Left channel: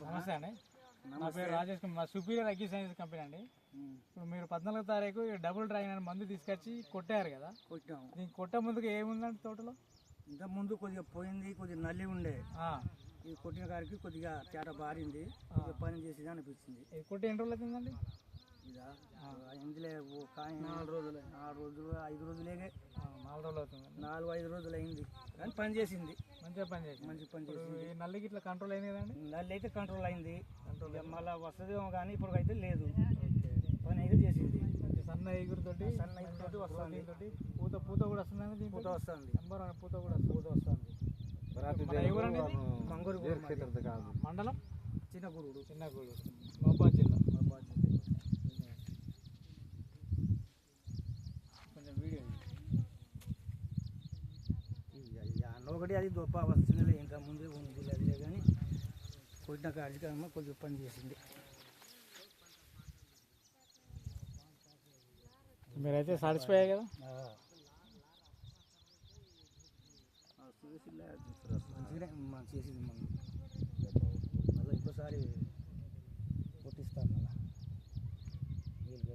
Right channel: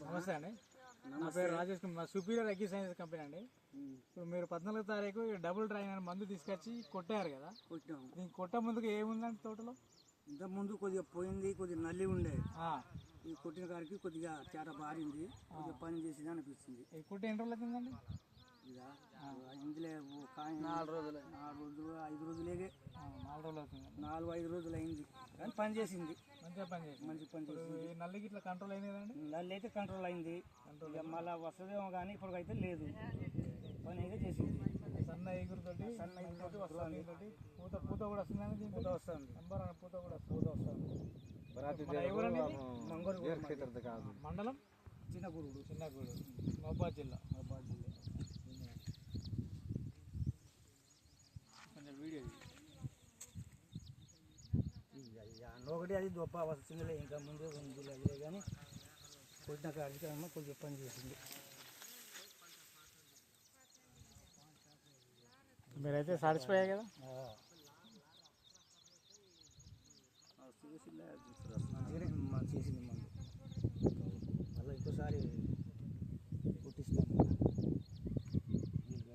నమస్తే అండి, నా పేరు రాజేష్ కుమార్, మా సుపీరియర్ అగ్రి సైన్స్ కంపెనీ అండి. ఇప్పుడు మీరు 14వ తారీఖు డబుల్ డ్రైన్ అని మందు తీసుకొచ్చి కొట్టారు కదా, కొట్టాము. దీనికి కొట్ట ముందుకు ఏముందండి తోటలో? ఇంతకుముందు కొద్దిగా పోయింది, కొద్దిగా నల్లి ఉండే. ఈ కొట్టిన కాడికి కొద్దిగా తేట బారింది, కొద్దిగా పని చేసేది అనిపించింది. కొట్టి ఎన్ని రోజులు అవుతుందండి? ఇక ఇందులో 4 రోజులు 5 రోజులేగే. 4 రోజులు అవుతుంది, 4-5 రోజులు అయింది, కానీ పని చేసింది. మంచిగా పని చేసింది. మంచి పని చేసింది. ఈ నల్లికి ఇట్లా కంట్రోల్ అయింది కదండి? నల్లి అయితే కంట్రోల్ అయింది, మళ్ళీ వస్తుందేమో కానీ ఇప్పటికైతే లేదు. పని అయితే చేసింది. సన్న ఎగురుతోటి వస్తుంది, పూత కూడా వస్తుందండి. పూత వస్తుంది, పూత కూడా వస్తుంది. మండలం చిన్నగూడు, మహబాద్ జిల్లా. కొంచెం వీడియో ఒకటి అది గొప్ప వస్తుంది, ఇంకా ముందే ఉంది అదిలే, కానీ కొట్టిన కార్యక్రమం కొద్దిగా పని చేసింది. మీరైతే సాటిస్ఫై అయ్యాయి కదా? చేసింది మందు. మళ్ళీ ఇంకోసారి